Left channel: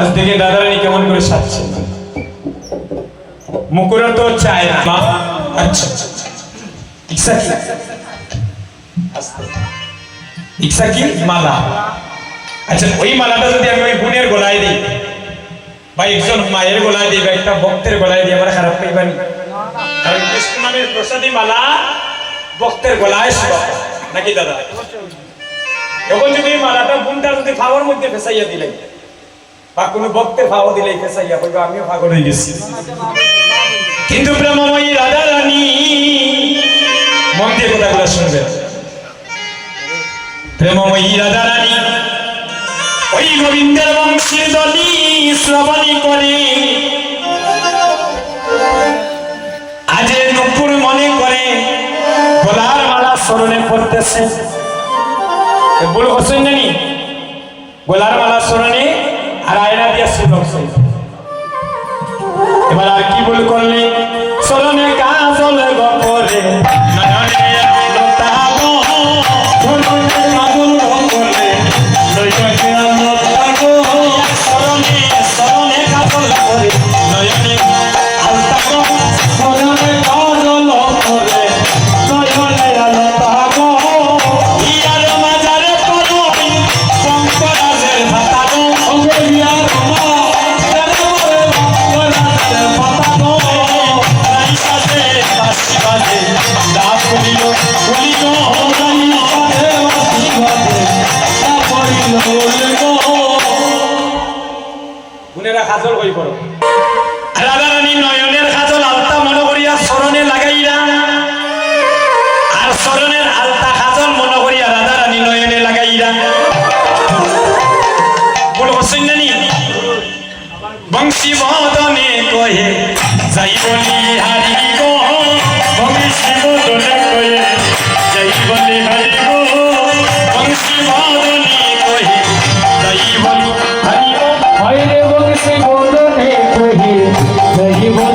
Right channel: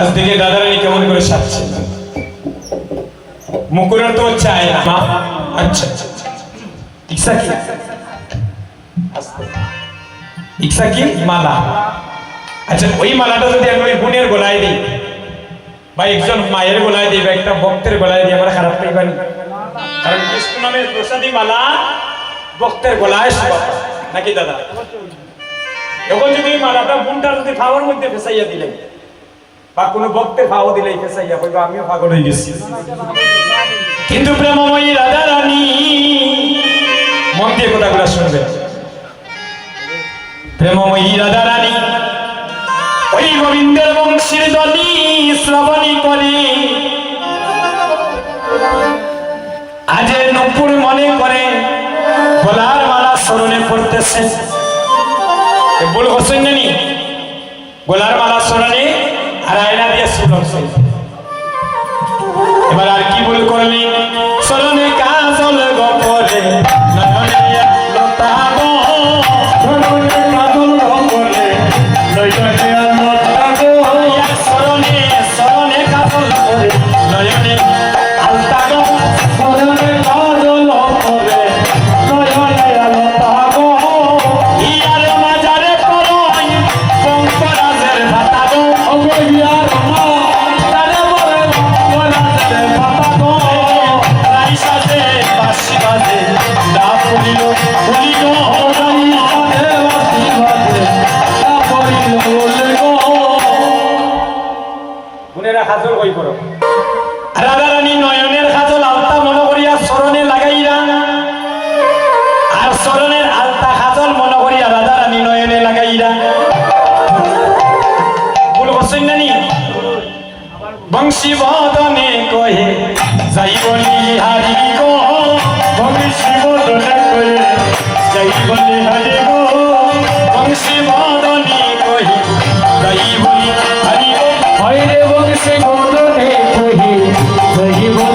আজ থেকে দাদারানি কেমন করে সাজছে। মুকুরা তো চায় না। মা আচ্ছা আচ্ছা আচ্ছা। ইচ্ছা কি? ইচ্ছা কি? মালা। আচ্ছা ওই মালাটা যদি আমি ওই বোনের গলায় দিই, বা একজন মায়ের গলায় দিই, বা একটা ভক্তের গলায় দিই, আমরা খারাপ করবেন কারণ কৃষ্ণ নামের প্রসাদী মালা ভক্তের গলায় নাকি দাদা? এখন যদি মালাটা বোনটা যদি ফাওয়ার মধ্যে ফেসাইয়া দিলেন বা কোনো ভক্তের ফাও দিলে ফেসাইয়া কইবা, আমিও পাগল হয়ে গেছি। কিন্তু প্রেমময়ী রাধা রানী, মন দিয়ে কথাগুলো শুনবেন। প্রেমময়ী রাধা রানী, ওই গোবিন্দের বংশীর দলি শ্রবণী করে। আজে নপুর মনে করে, গলার মালা স্মরণে পড়তেছে। ভুল হোসেন গলার মালা স্মরণে আর আয়না দিয়ে সুদর্শন বদনে কহে যাই বলি হারি গো, বংশী বদনে কহে যাই বলি হারি গো, বংশী কহে যাই বলি হারি গো। রে বংশী বদনে কহে যাই বলে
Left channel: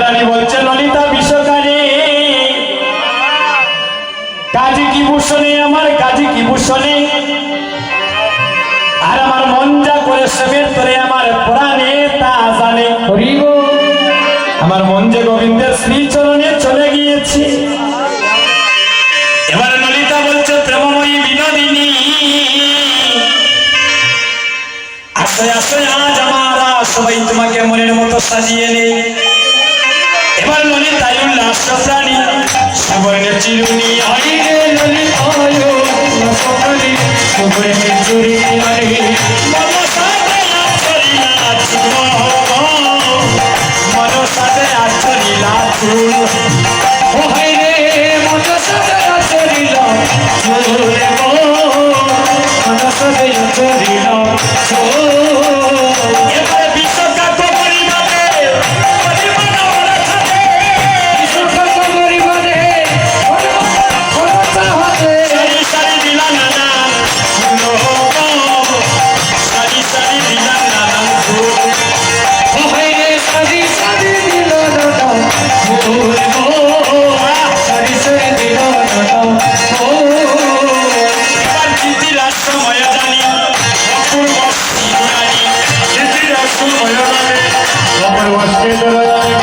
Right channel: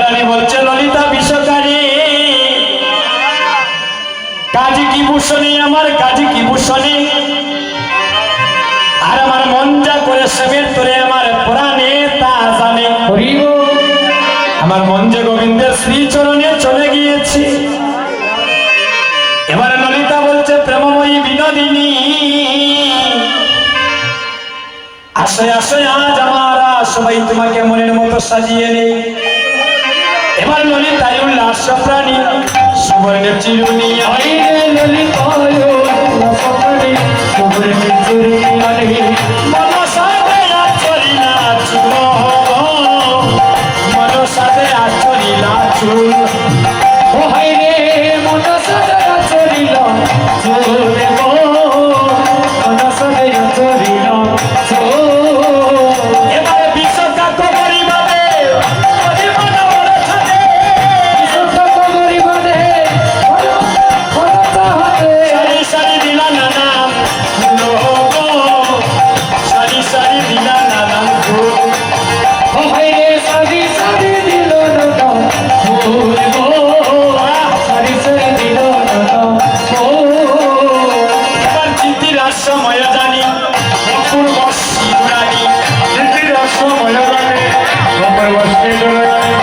রানী বলছে ললিতা বিশ্বকারী কাজী কি ভূষণে? আমার কাজী কি ভূষণে? আর আমার মন যা করে সেবের তোরে আমার প্রাণে তা জানে। আমার মন যে গোবিন্দের শ্রীচরণে চলে গিয়েছে। এবার ললিতা বলছে প্রেমময়ী বিনোদিনী আসে আসে আজ আমরা সবাই তোমাকে মনের মতো সাজিয়ে নেই এবার ললিতা উল্লাস প্রাণী সুবর্ণের চিরুনি আই হইরে ললিতায় রসপরি সুবরে চুরি আরে মনসাতে আচরি নাচিব মনসাতে আচরি নাচুন ও হইরে মন সদা চলিল চলে We're gonna